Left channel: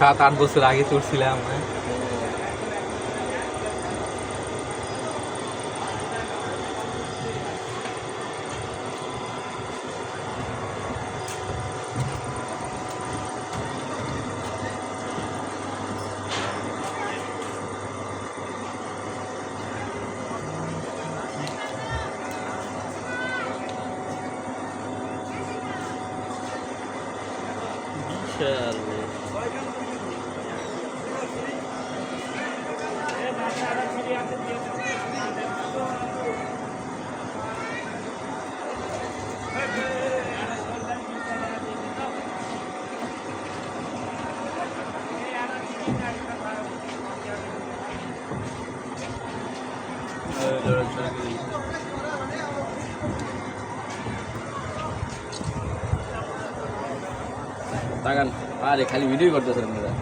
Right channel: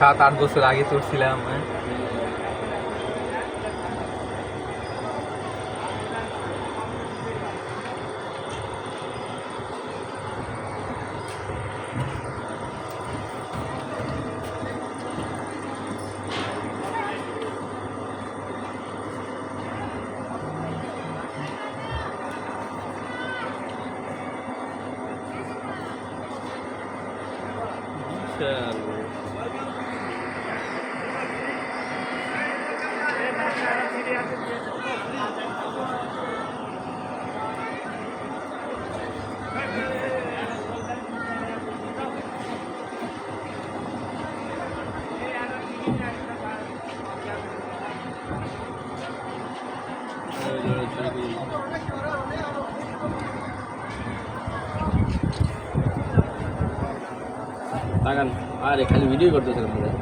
7-8 বছর আগে চড়ছিলাম। হ্যাঁ, তাকান আরে খালি ভিডিও করতেছেন আপনারা।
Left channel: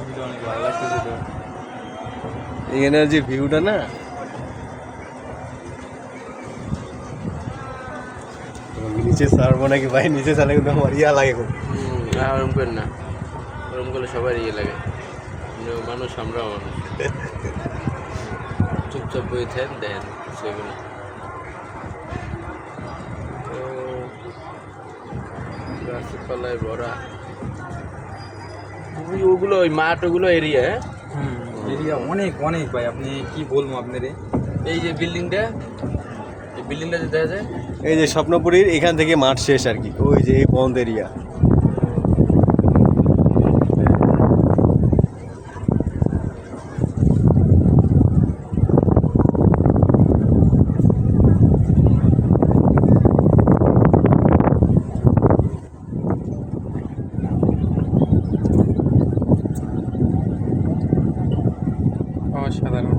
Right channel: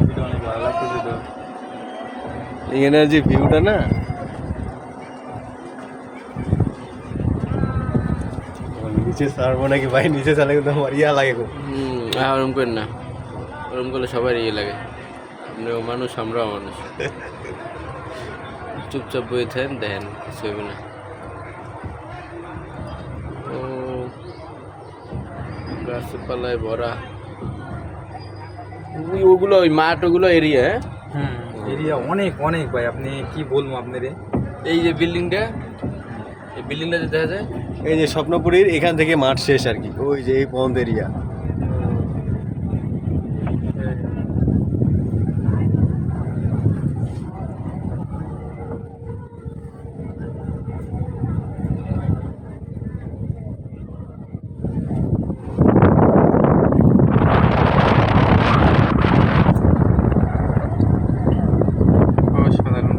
ভিডিও অনেক ভালো লাগতেছে তো। এখানে যে ভিউটা না নিচে ছাড়বো নাকি ভাই? নিচে ছাড়লে কিন্তু আমার ইয়া লাগে খুব। ওরম করেন না, ওরম করলে সবার ইয়ে লাগে। আপনিও মানুষ, আমরাও মানুষ। চুপচাপ বই থাকেন, দেখেন কিছু হবে না। গাছপালায় ভরা ওগুলো, ওই মাঠ ওগুলো এরিয়া। এরিয়া অনেক অনেক ভাই, আপনি কি বলবো আপনারে। এই যে বিল্ডিংটা, এই বিল্ডিংটা যে দেখা যায়, এই যে স্বপ্নপুরীর এখান থেকে মাঠ শেষ আর কি, ওই যে এই বন্ধ এরিয়া। অসাধারণ।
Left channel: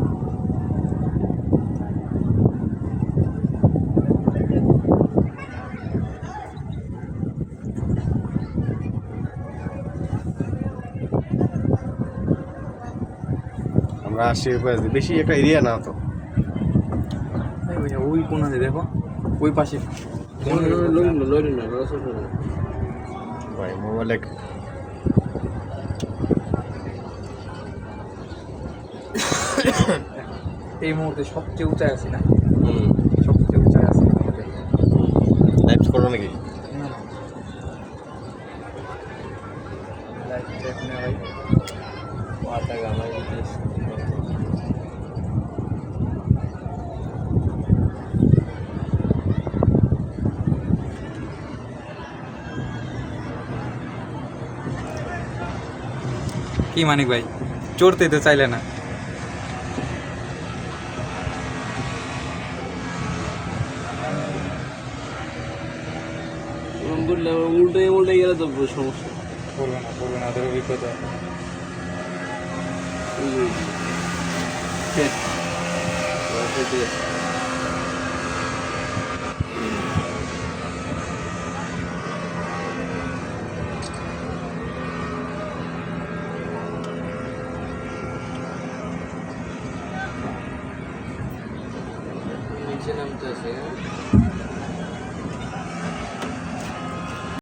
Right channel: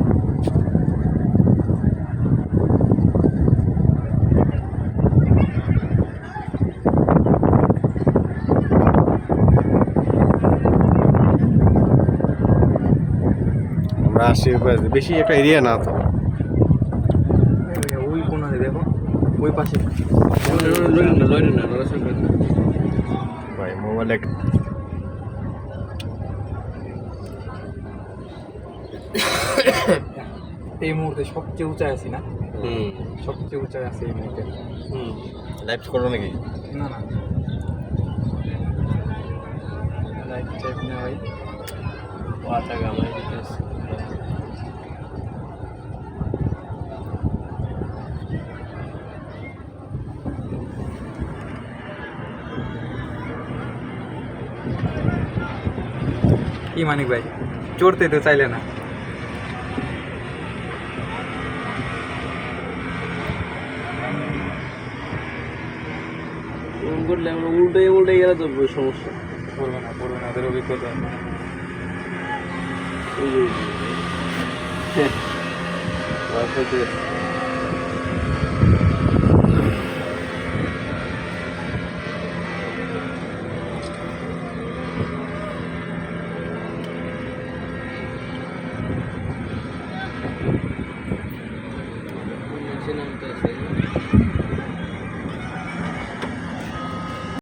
আমরা আসছি বেশি একটা এরিয়া না তো। ওই কোনাতে দেখো, ওই পাশে লড়েন না, লড়েন না, লড়াচড়া করেন না। ভাই মোবাইলে এই মুহূর্তে সবচেয়ে উঁচায় আছি না? সবচেয়ে উঁচায় আছি এই মুহূর্তে। লাইভ করো নাকি? না না, লাইভ চেক না ভাই। টাকা আমার দিতেছে। কি মানিক ভাই, চড়তে তো চাইলে না? করলে উল্টে উল্টে গেলে তো সমস্যা। বলবো না, ওদের অভিজ্ঞতা। ওই যে